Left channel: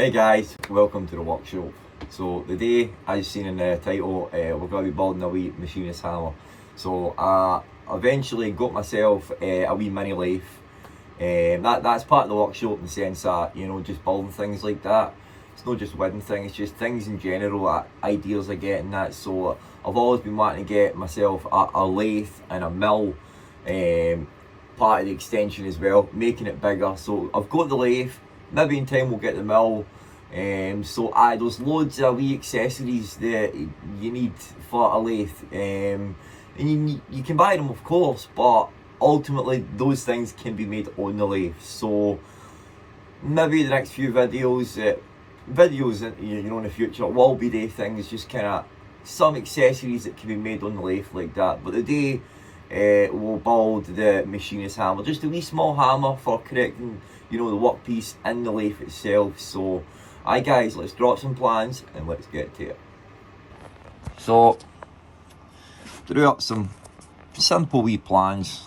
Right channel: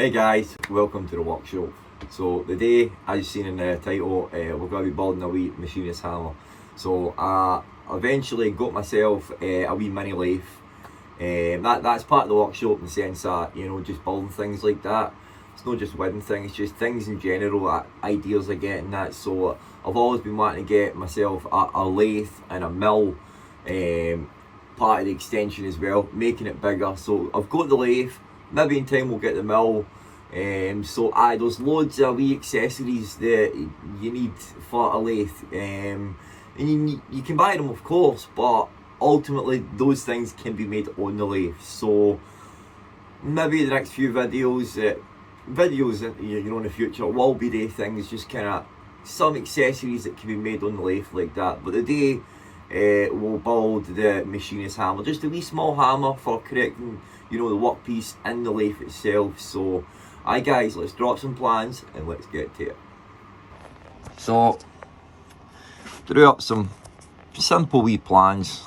Hey guys, welcome to the workshop. So today, as you've seen in the title, we're going to be building a wee machinist hammer. So I eventually got myself a wee mini lathe. That's part of the workshop in the sense that, you know, just building things like that. It's not just wedding things, it's just things in general, ideas I get and that. So I've always been wanting to get myself a lathe and a mill, part of the extension as well, making it bigger. So I've got the lathe. Maybe in time we'll get the mill. So there's loads of wee accessories that you need for a lathe. And you can buy them, of course, but ultimately those things can be made on the lathe. So maybe the next few videos in the future will be the things, just kind of some accessories that can be made on the lathe like that. But today we'll build the machinist hammer, just a wee small hammer for correcting, you know, the workpiece in the lathe itself. So aye guys, let's drop some plans and let's get to it. So drew up some simple wee plans.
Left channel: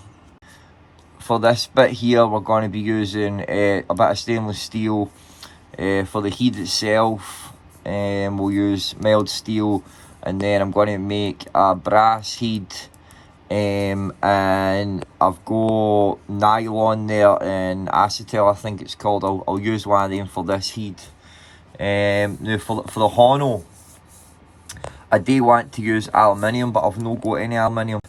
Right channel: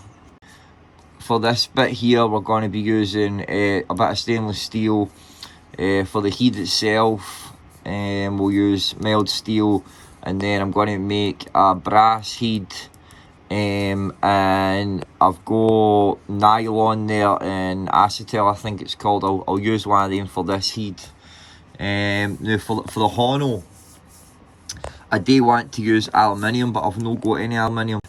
For this bit here we're going to be using a bit of stainless steel. For the heat itself we'll use mild steel, and then I'm going to make a brass head. And I've got nylon there and acetal, I think it's called. I'll use one of them for this head. Now for the honno, I do want to use aluminium, but I've not got any aluminium.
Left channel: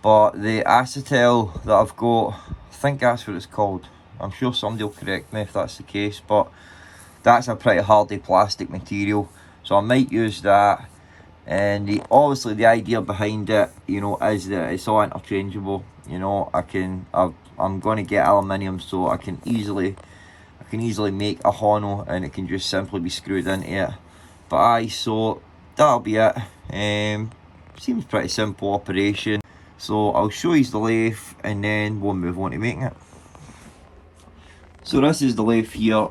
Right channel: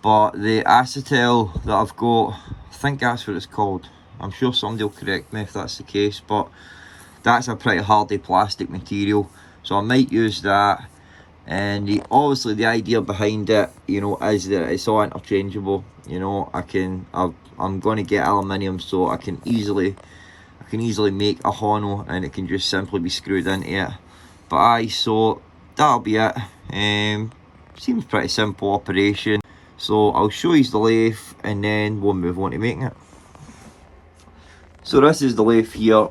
But the acetal that I've got, I think that's what it's called. I'm sure somebody will correct me if that's the case, but that's a pretty hardy plastic material, so I might use that. And obviously the idea behind it, you know, is that it's all interchangeable. You know, I'm going to get aluminium, so I can easily make a honno and it can just simply be screwed into it. But aye, so that'll be it. Seems pretty simple operation. So I'll show you the lathe and then we'll move on to making it. So this is the lathe here.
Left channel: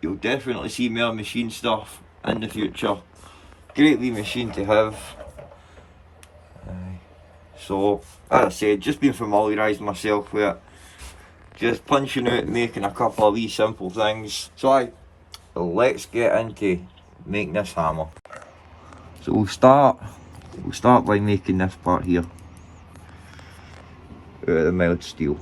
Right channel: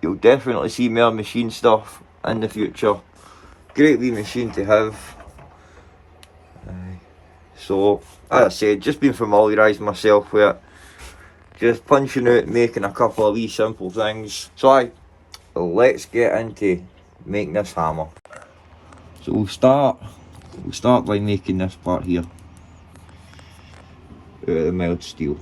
You'll definitely see more machine stuff in the future. Great wee machine to have. So as I said, just been familiarising myself with it, just punching out, making a couple of wee simple things. So let's get into making this hammer. So we'll start by making this part here out of the mild steel.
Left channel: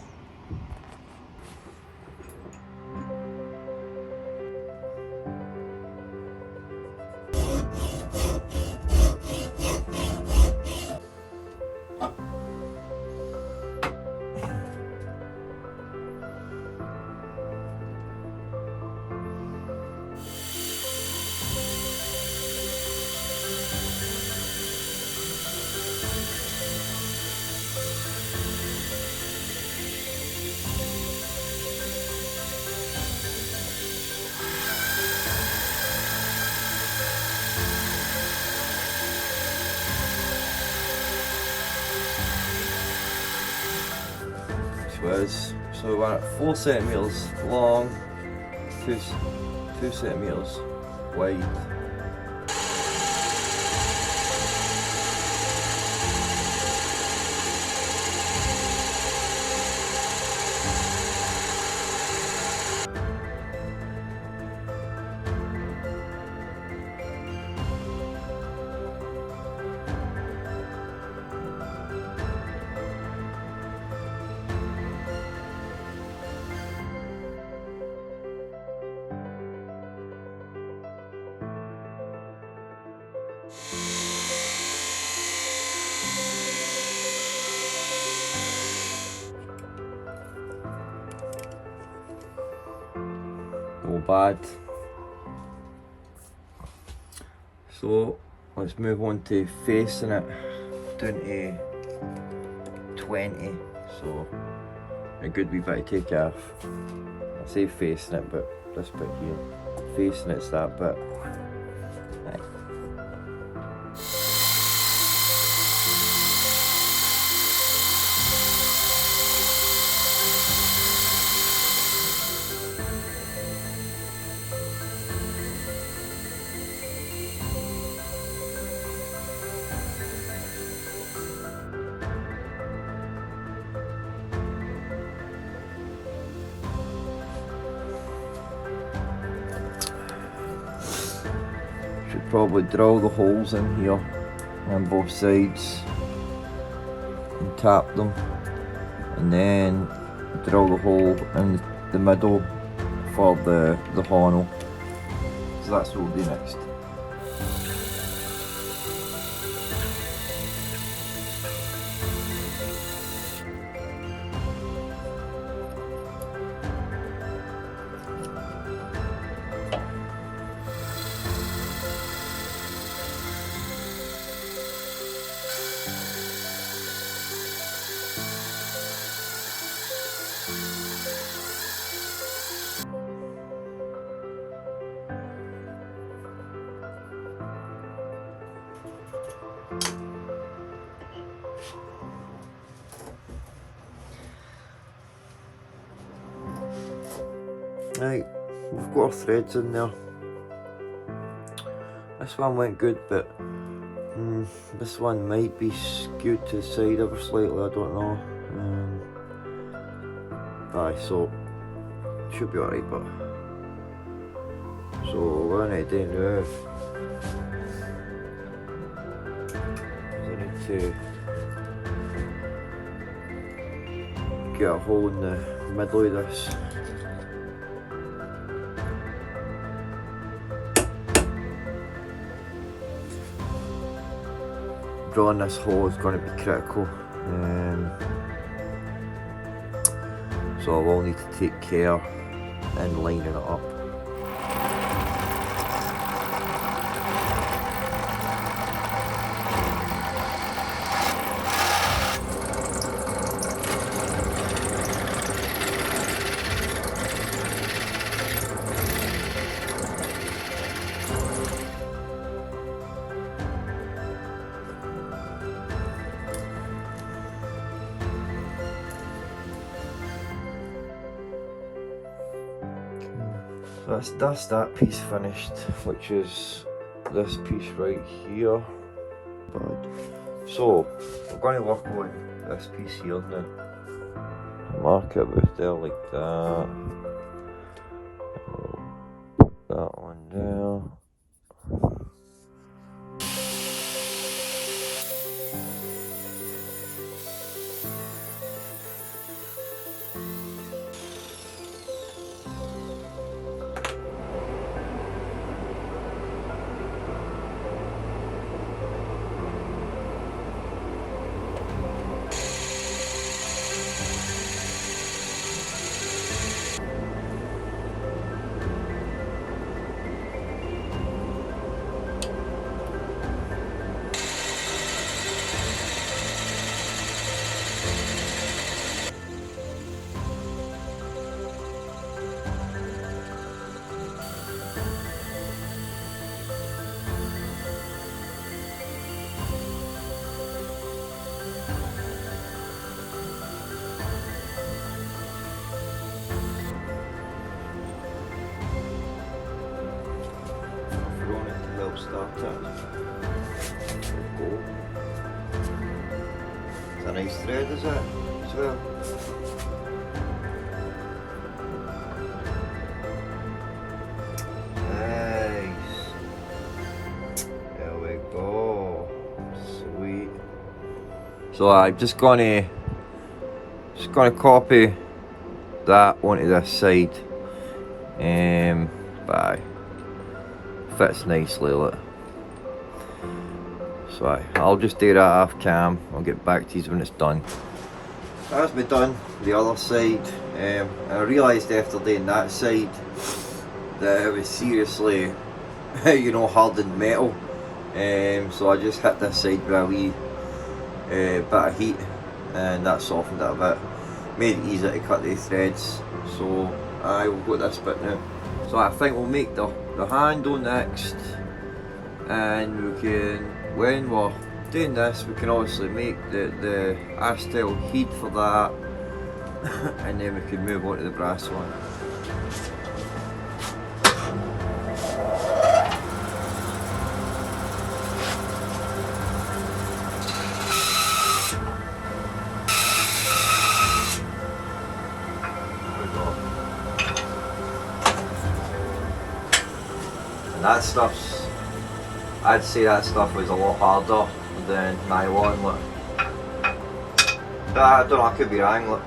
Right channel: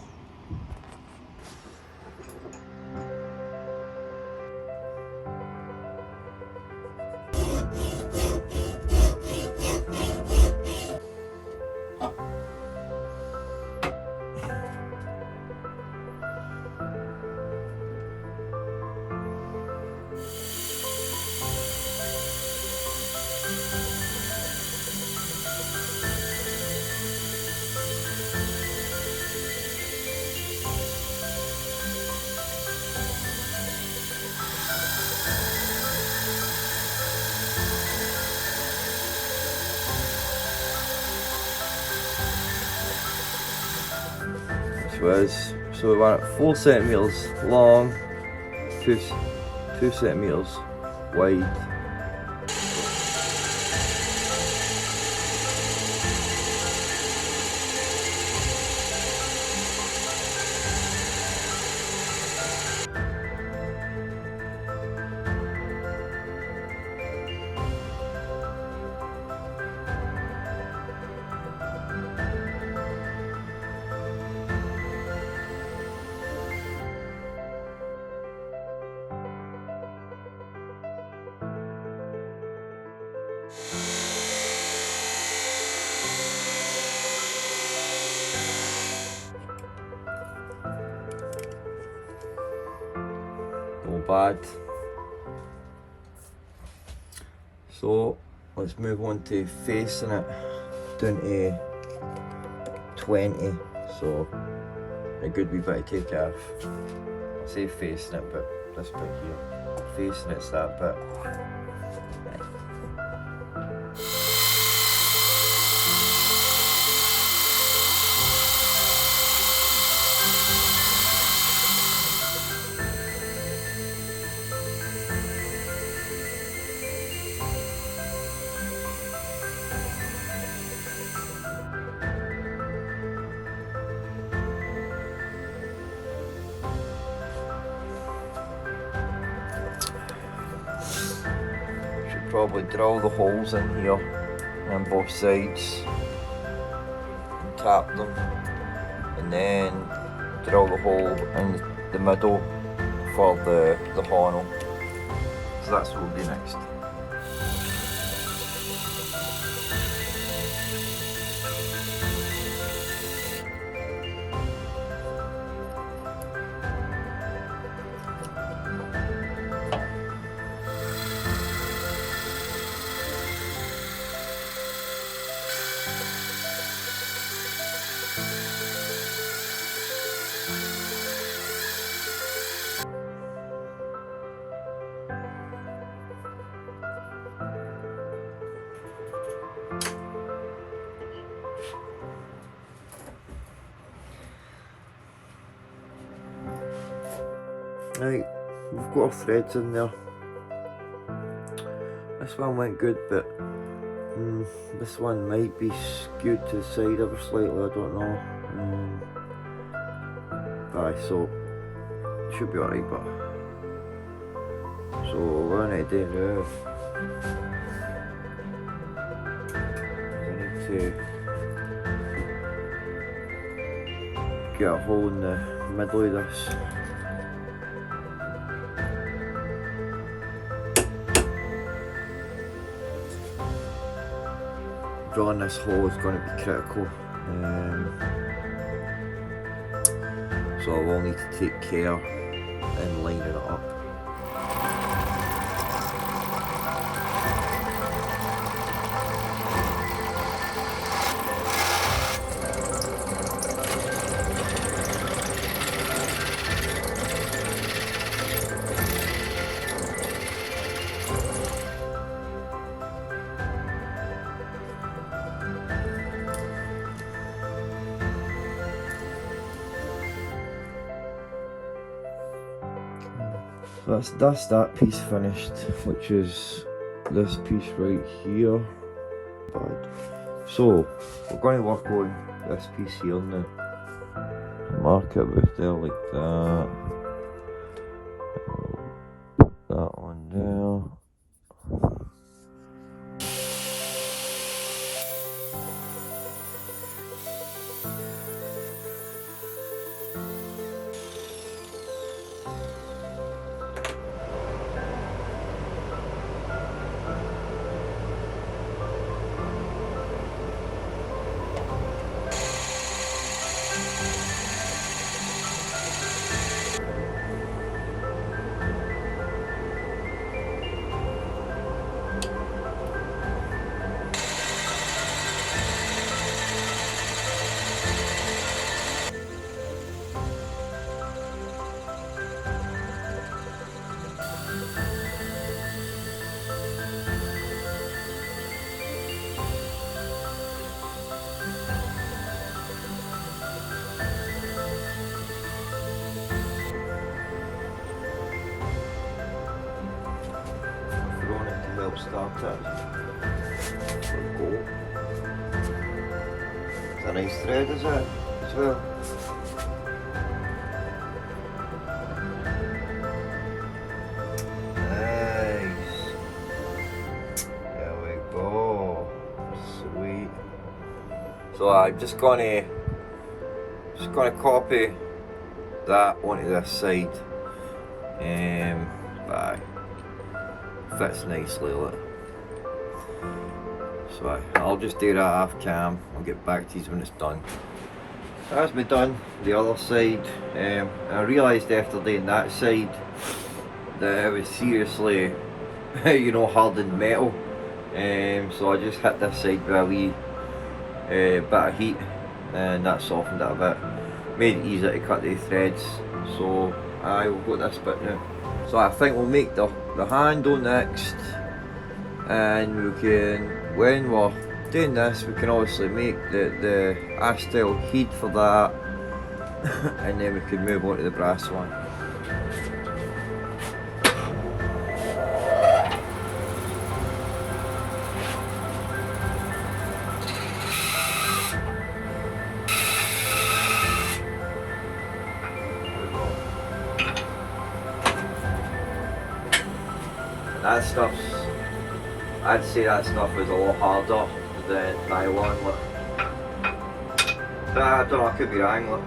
So we want it 4 centimeters long, 2 centimeters wide. No bad. So let's move on to facing it down to 20. So a good wee bit to take off. I say facing it, but this bit here, facing it's that bit. probably drill the holes in here on both sides and tap them, and then drill the hole in the middle for the horn. So that's what we'll do next. Right, we've got our threads in there. This one went good, but this one might be skewed to the side ever slightly, I don't know. Aye, so should be alright, but so what I need to do now is I need to get a hole in the middle of this. Drilling this hole is going to be critical, so I will need to take care in lining it up. So that's that piece finished, which is this piece right here. Bad. So we're going to work on this piece here now. Mark it with there like that. Put that one there. Help start it. There we go. It's a nice thread, is it? As well. Nice. There we go. Sweet. So I'm just gonna copy that onto this side. Bye. Fits nicely, look. So I'll just do that off cam. I'll get back to you when it's done. That's me done the other side. I realised after doing that side that it was seriously hardened metal. So I just hit this side with a wee bit of heat, and that softened it a bit. Made it easier to cut the threads. So I will go this bit now. So I think we'll make the handle next, and we can, when we're doing this, we can obviously make the A-style head for that, and then we can move on to the brass one. That stuff's I'd say that stuff was a lot harder than nylon. Like. But I don't know, I could be wrong. Like.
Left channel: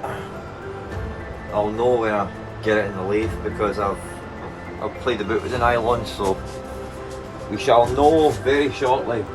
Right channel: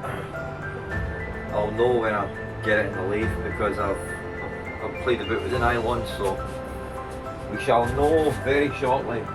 I'll know when I get it in the lathe because I've played about with the nylon, so we shall know very shortly.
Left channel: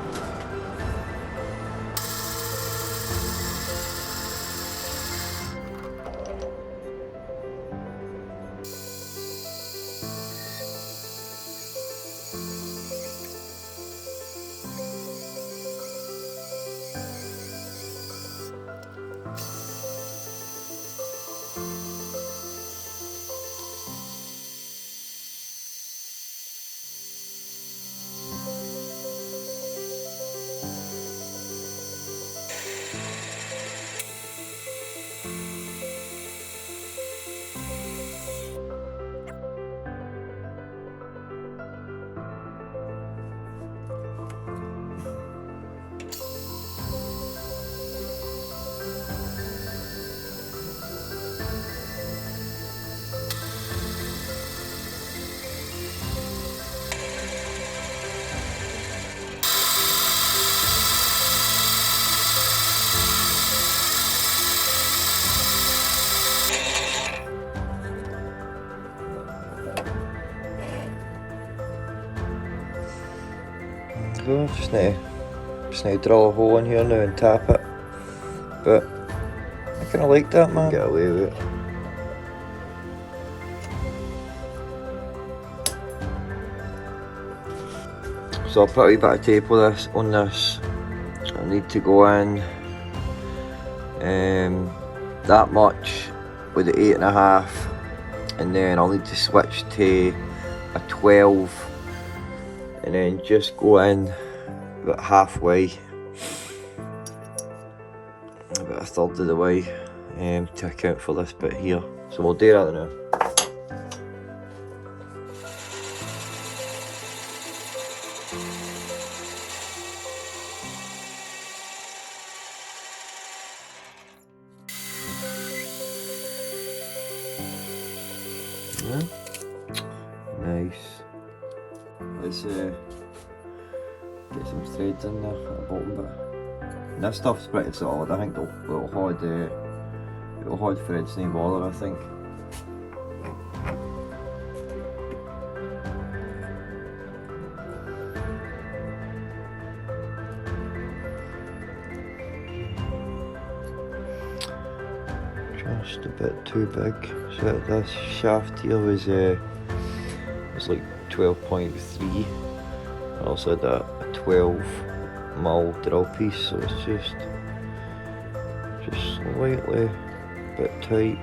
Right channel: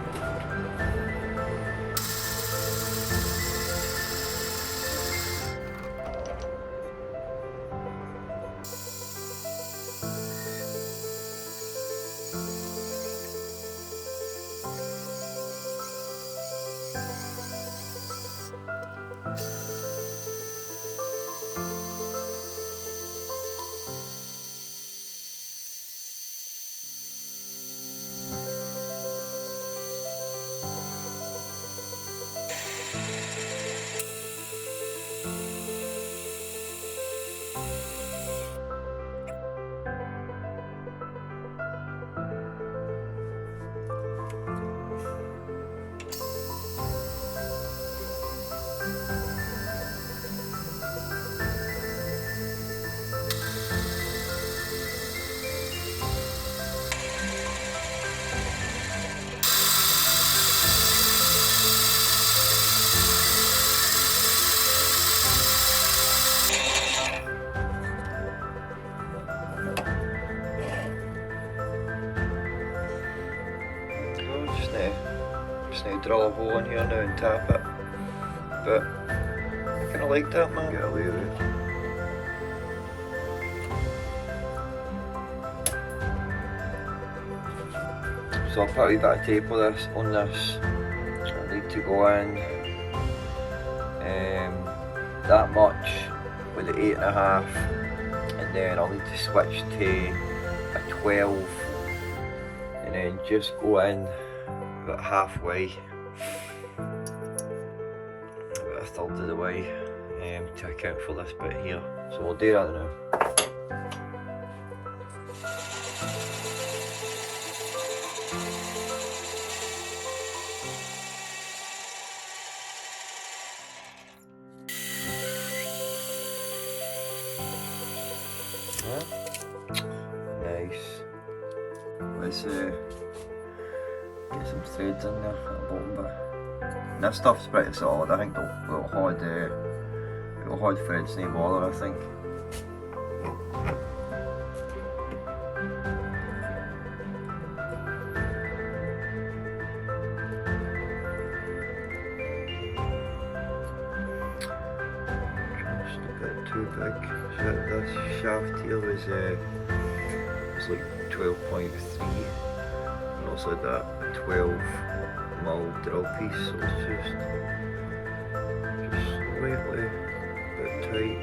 Just need to drill a hole in here now and tap it. But I kinda like that, man. Get away with it. So I'll put a wee bit of tape on this. I need to go in that much with the 8.5, and then I'll need to switch to a 12, and then just go in about halfway, about a third of the way, to account for this bit here. So we'll do that now. Nice. Let's get some threads in there at the bottom bit. And this stuff's pretty solid. I think it'll hold threads, no bother, I think. Just a bit too big. So this shaft here was like 12.3. I also had a 12mm drill piece, so it's just slightly a bit tight.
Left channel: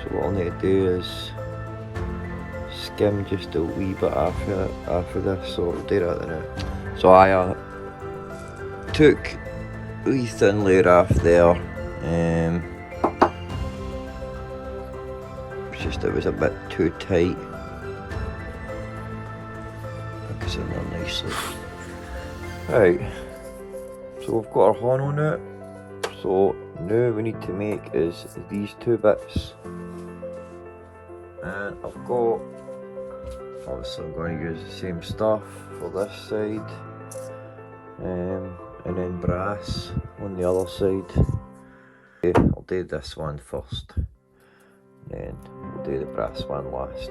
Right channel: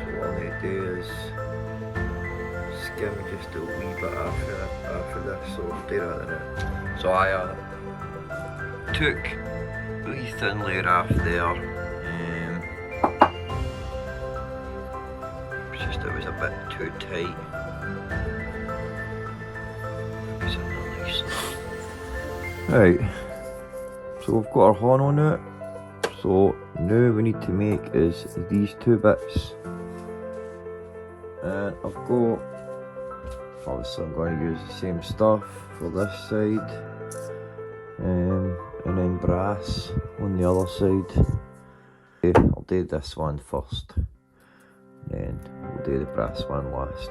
So what I'll need to do is skim just a wee bit after this, so I'll do that now. So I took a wee thin layer off there. It was a bit too tight. It's in there nicely. Right, so we've got our horn on it. So now we need to make is these two bits. And I've got, obviously I'm going to use the same stuff for this side. And then brass on the other side. Okay, I'll do this one first. Then we'll do the brass one last.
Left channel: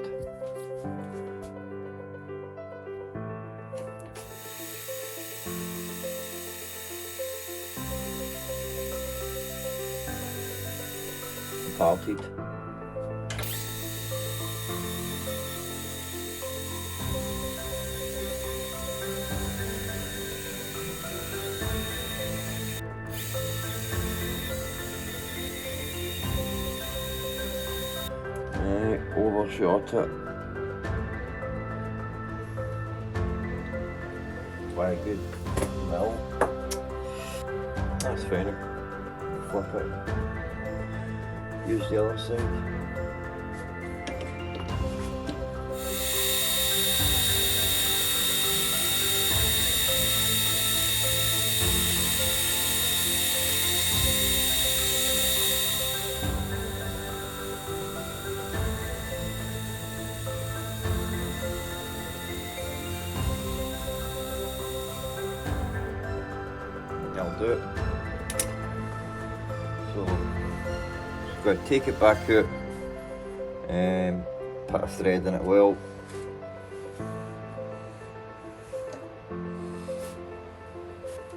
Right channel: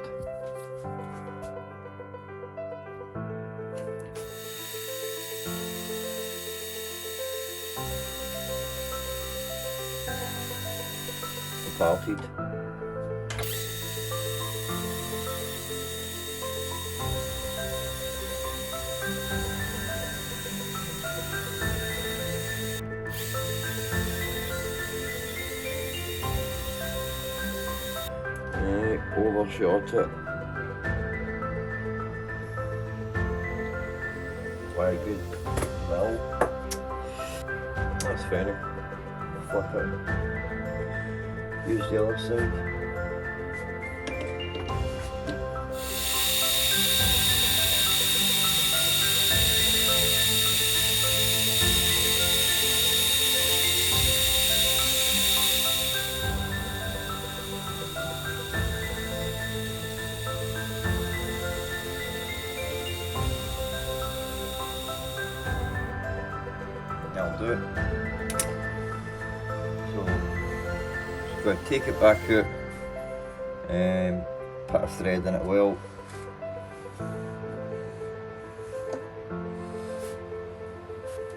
Parted. Overshot it. Very good. Mill. That's fine. Flip it. Use the other side. that'll do it. So just going to take it back out and put a thread in it well.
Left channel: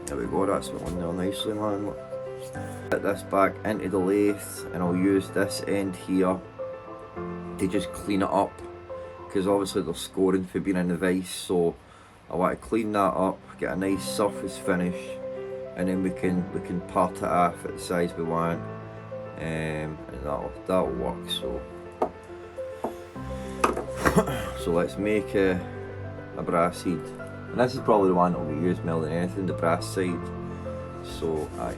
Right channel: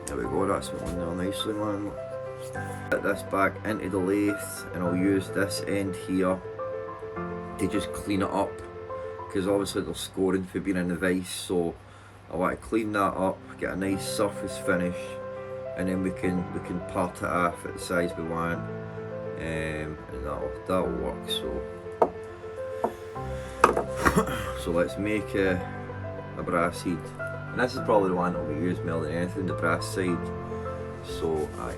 There we go, that's it on there nicely, man. Put this back into the lathe and I'll use this end here to just clean it up, because obviously there's scoring for being in the vise, so I want to clean that up, get a nice surface finish, and then we can part it off at the size we want, and that'll work. So let's make a brass head, and this is probably the one that we use more than anything, the brass side. So aye.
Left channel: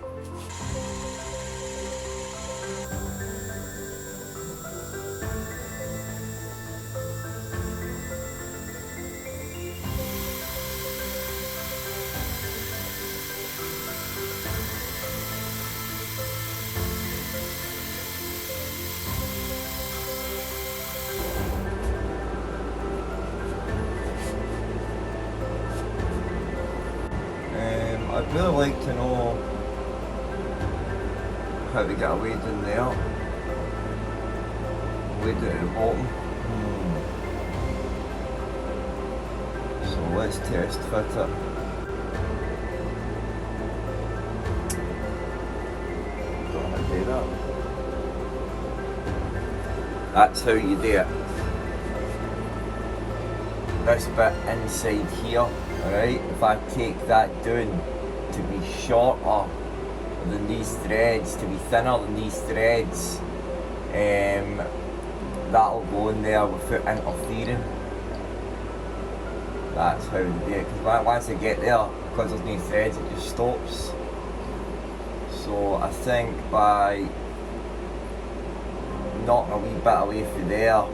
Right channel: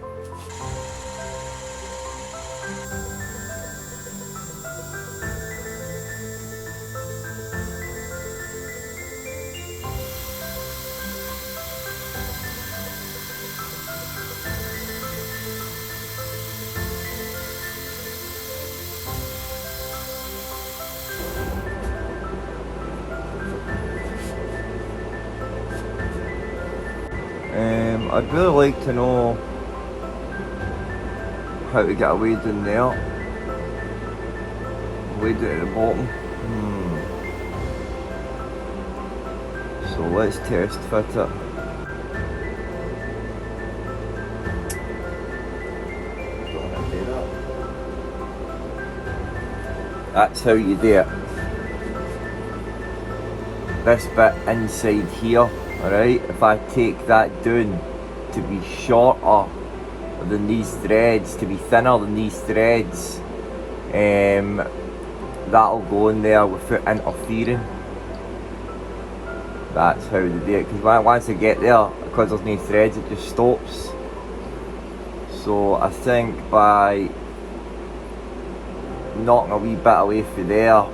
I'd really like to know how to get a wade in there. Wade at the bottom. So let's test fit it. Don't want to do that. That's how you do it. This bit inside here, alright, if I take that down to be shorter than these threads, to be thinner than these threads, that'll go in there without interfering. That's how they do it, because once I get there, because there's no threads, it just stops. So I think by knocking a wee bit away from there,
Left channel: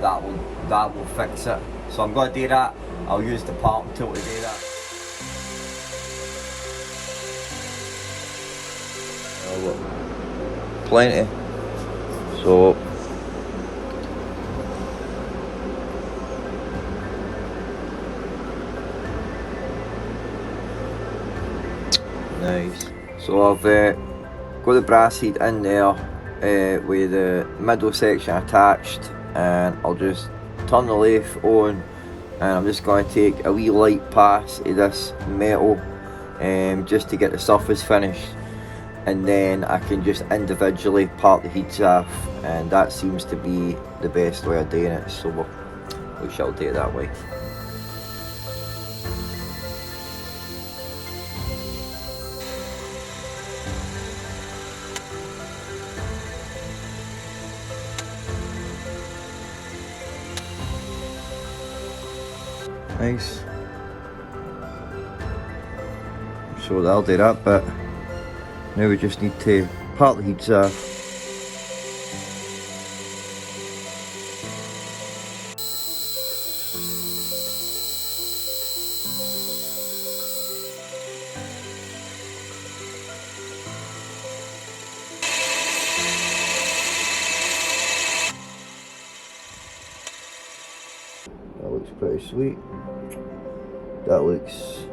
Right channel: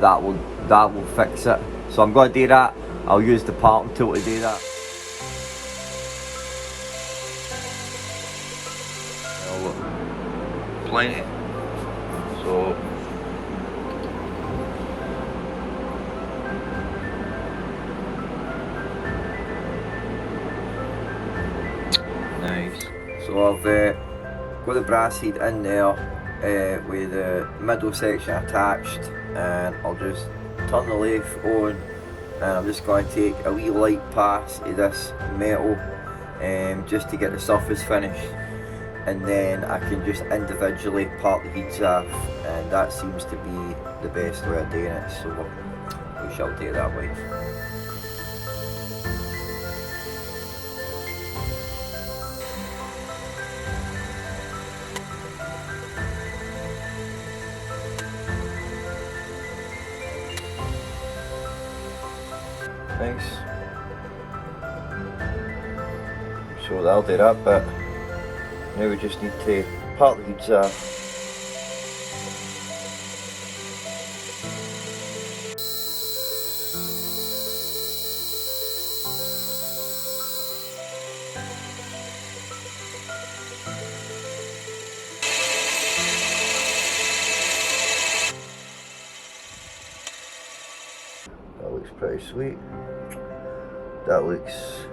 that will fix it. So I'm going to do that. I'll use the parting tool to do that. Plenty. So nice. So I've got the brass head in there with the middle section attached, and I'll just turn the lathe on, and I'm just going to take a wee light pass of this metal just to get the surface finished, and then I can just individually part the heads off, and that seems to be the best way of doing it, so we shall do it that way. Nice. So that'll do that bit. Now we just need to part the heads off. That looks pretty sweet. That looks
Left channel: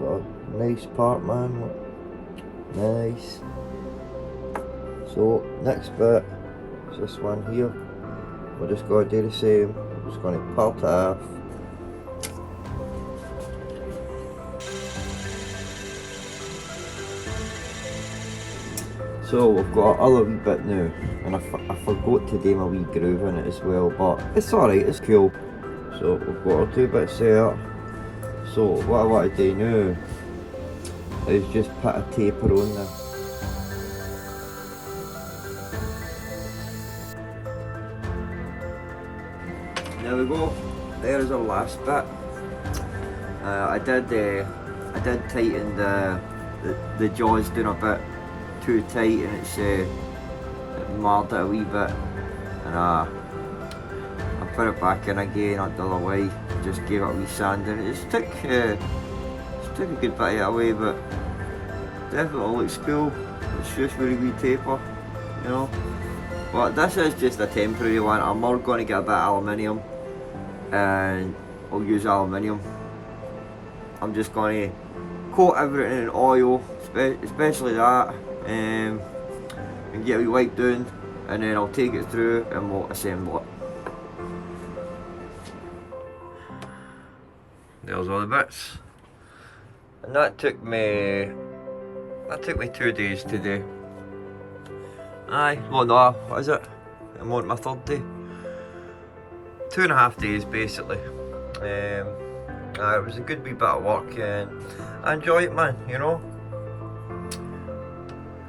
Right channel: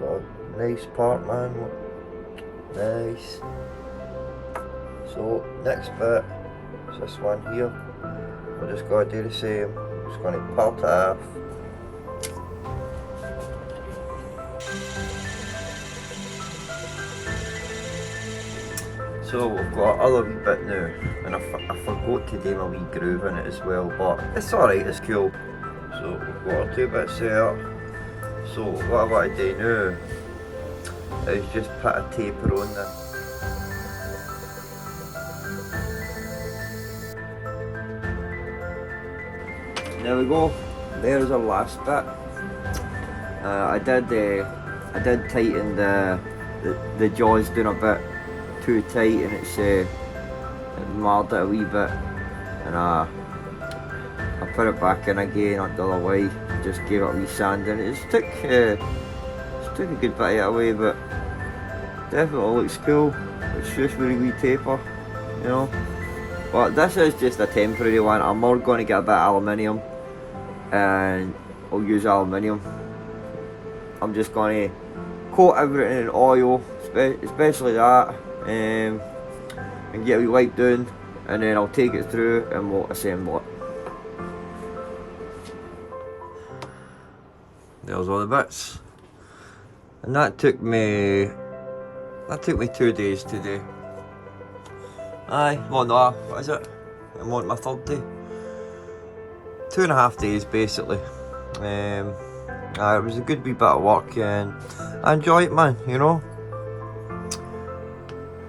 a nice part, man. Nice. So next bit is this one here. We're just going to do the same. I'm just going to part it off. So we've got another wee bit now, and I forgot to do my wee groove in it as well, but it's alright, it's cool. So we've got our 2 bits there. So what I want to do now is just put a taper on there. There we go. There's our last bit. I did tighten the jaws down a bit too tight, and it marred it a wee bit, and I put it back in again on the other way, just gave it a wee sand, and it took a good bit of it away, but definitely looks cool. It's just really wee taper, you know. But this is just a temporary one. I'm more going to get a bit of aluminium and I'll use aluminium. I'm just going to coat everything in oil, especially that, and get a wee wipe down, and then I'll take it through and we'll assemble it. There's all the bits, and that took me 2 days to do. Aye, well no, what is it? I'm on my 3rd day. 2.5 days basically. It was a good wee bit of work, and I enjoy it, man. You know,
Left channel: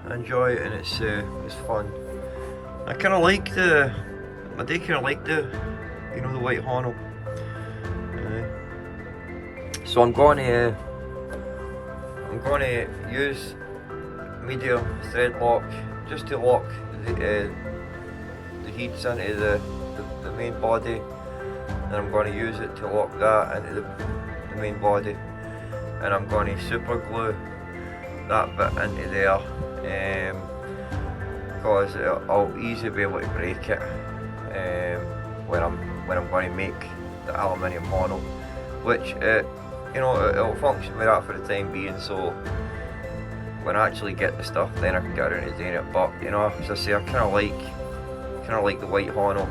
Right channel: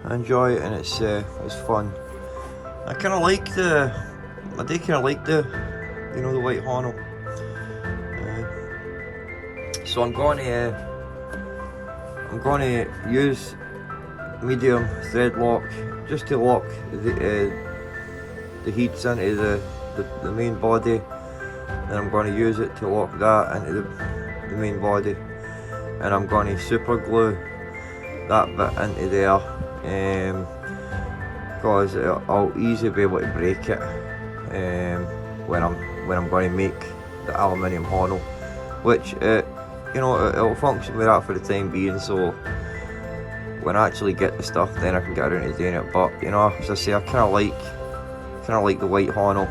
I enjoy it, and it's fun. I kind of like the you know, the white Hono. So I'm going to use medium thread lock just to lock the heats into the main body, and I'm going to use it to lock that into the main body, and I'm going to super glue that bit into there, because I'll easily be able to break it when I'm going to make the aluminium Hono, which you know, it'll function with that for the time being. So when I actually get the stuff, then I can get around to doing it. But you know, as I say, I kind of like the white Hono.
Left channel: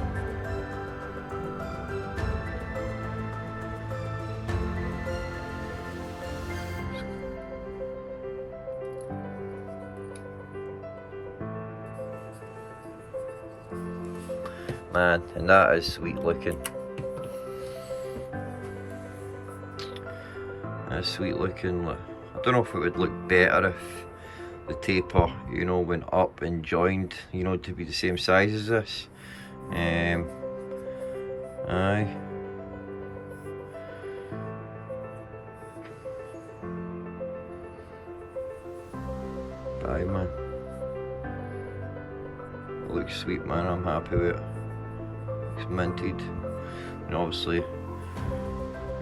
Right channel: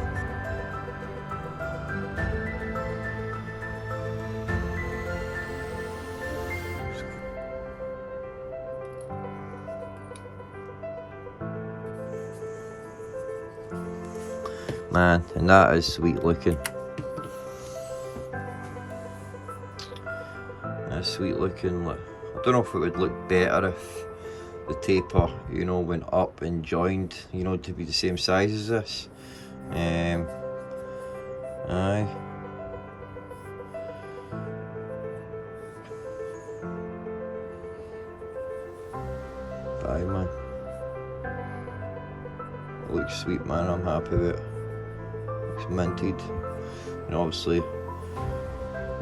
Man, and that is sweet looking. That's sweet looking. I don't know if it would look better if the taper, you know, went up and joined, you know, to be the same size as this. Aye. Aye, man. It looks sweet, man. I'm happy with it. It's minted, and obviously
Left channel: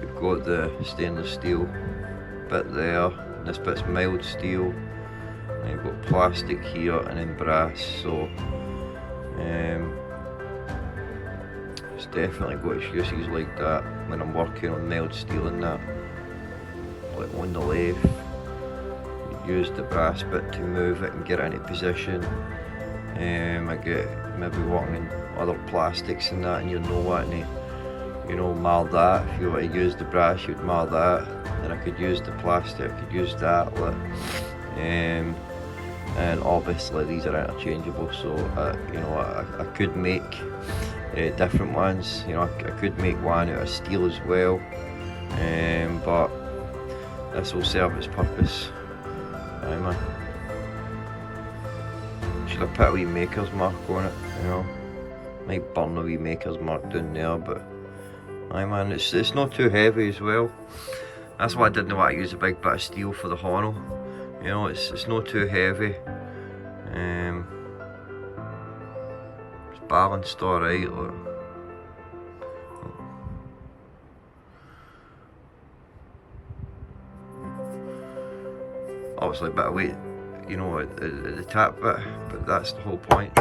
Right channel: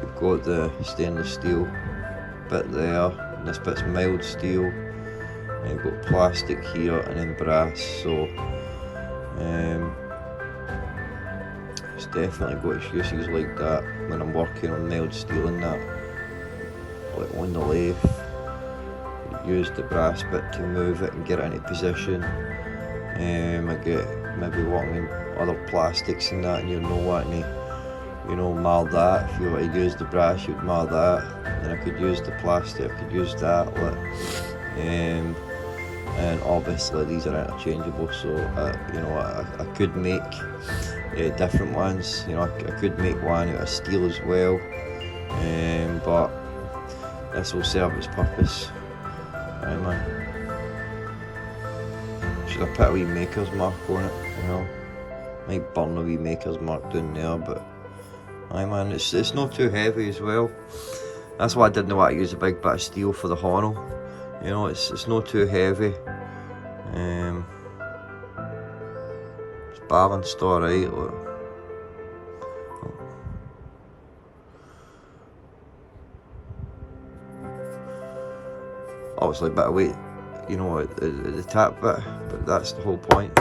we've got the stainless steel bit there, and this bit's mild steel, and we've got plastic here and then brass. So it's definitely got its uses like that when I'm working on mild steel and that, like on the lathe. You use the brass bit to move it and get it into position. I get maybe working on other plastics and that, and you're not wanting to, you know, mar that. If you were to use the brass, you'd mar that. Then I could use the plastic, I could use that. And obviously these are interchangeable, so you know, I could make different ones. You know, I could make one out of steel as well, but this will serve its purpose. Man. Should I put a wee maker's mark on it? You know, might burn a wee maker's mark down there, but aye, man, it's not too heavy as well. That's why I didn't want to use a big bit of steel for the Hono. You know, it's not too heavy. It's balanced alright. Obviously a bit of weight, you know, at the tap bit, but that's the whole point.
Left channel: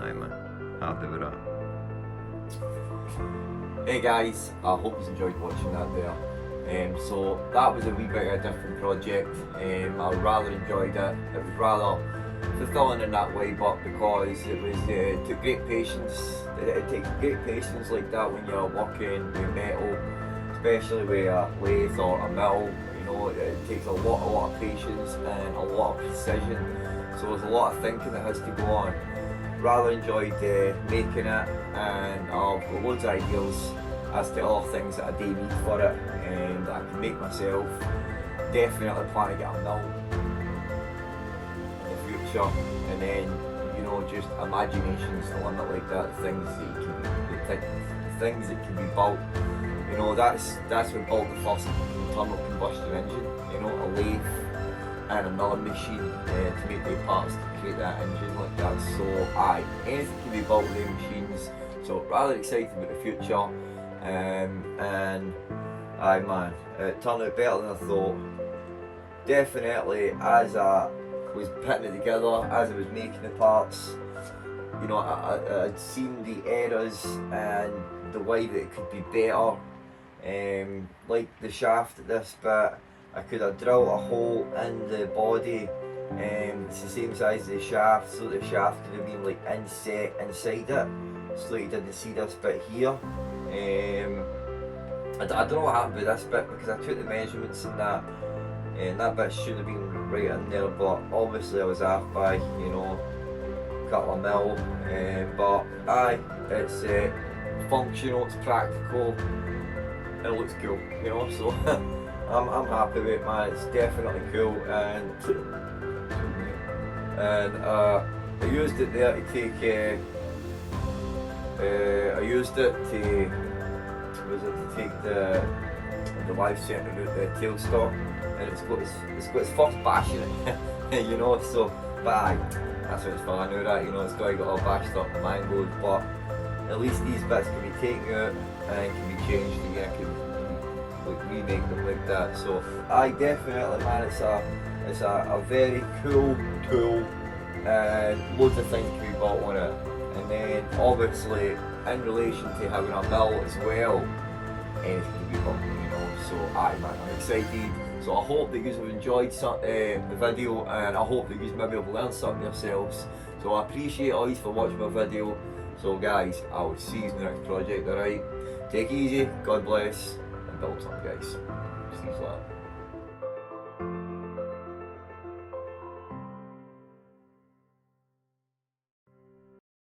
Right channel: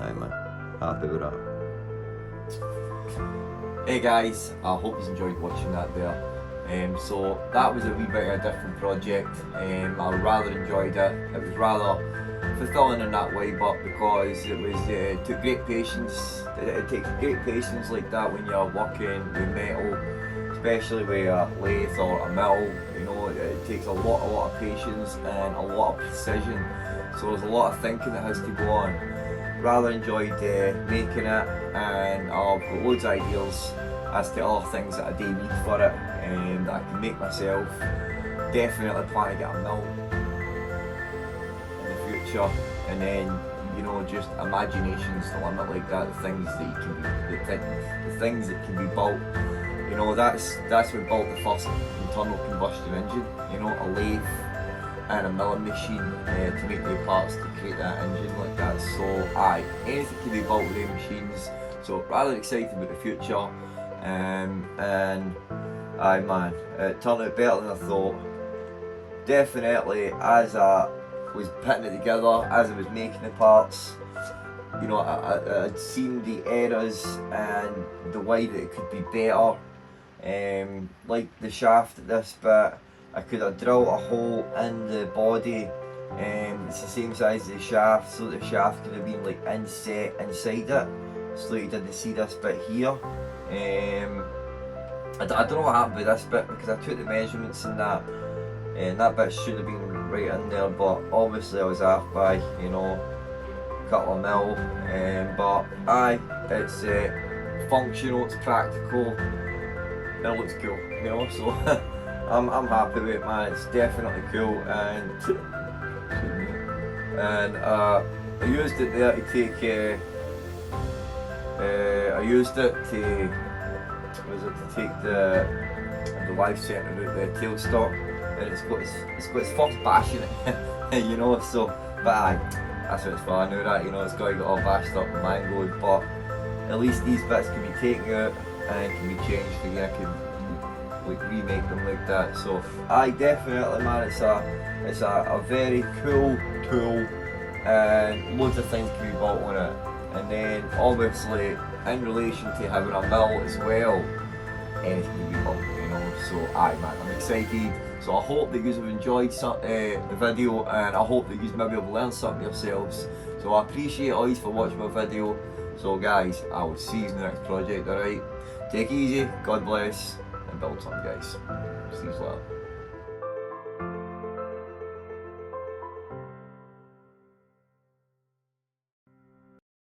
Aye, man, happy with that. Hey guys, I hope you enjoyed watching that there. So that was a wee bit of a different project. I rather enjoyed it. It was rather fulfilling in that way, but because it took great patience. It takes great patience like that when you're working with metal, especially with a lathe or a mill. You know, it takes a lot of patience and a lot of precision. So there's a lot of thinking that has to go on. Rather enjoyed making it, and I've got loads of ideas as to other things that I do need for it and that I can make myself. Definitely plan to get a mill in the future, and then, you know, just imagination's the limit like that. The things that you can the things that can be built. You know, that's what built the first internal combustion engine. You know, a lathe and a milling machine to make the parts to create that engine like that. So aye, anything can be built with the machines. So rather excited about the future, and aye, man, it turned out better than I thought. Definitely, as I was putting it together, as I was making the parts, you know, I'd seen the errors and the way that it could be better. Like the shaft at this bit, I could have drilled a hole in the body. It's the same size as the shaft, so the shaft could have been like inset inside it, so that you didn't see this bit here. I don't know what happened with this bit because I took the measurements and that bit should have been right in there, but obviously I was off by, you know, a couple of mil. But aye, it's functional, it's practical, it looks cool, you know, so I'm happy with it, man. It's definitely cool, and I used it there to take take the live centre out the tailstock, and it's got its first bash in it, you know, so, but aye, that's what it's for. I know that, you know, it's got to get all bashed up and mangled, but at least these bits can be taken out and can be changed again. I can like remake them like that. So aye, definitely, man, it's a very cool tool, and loads of things can be built on it. And then obviously in relation to having a mill as well, anything can be built, you know. So aye, man, I'm excited. So I hope that you have enjoyed the video, and I hope that you maybe have learned something yourselves. So I appreciate all you for watching my video. So guys, I will see you in the next project, alright? Take it easy, God bless, and build something, guys. See you later.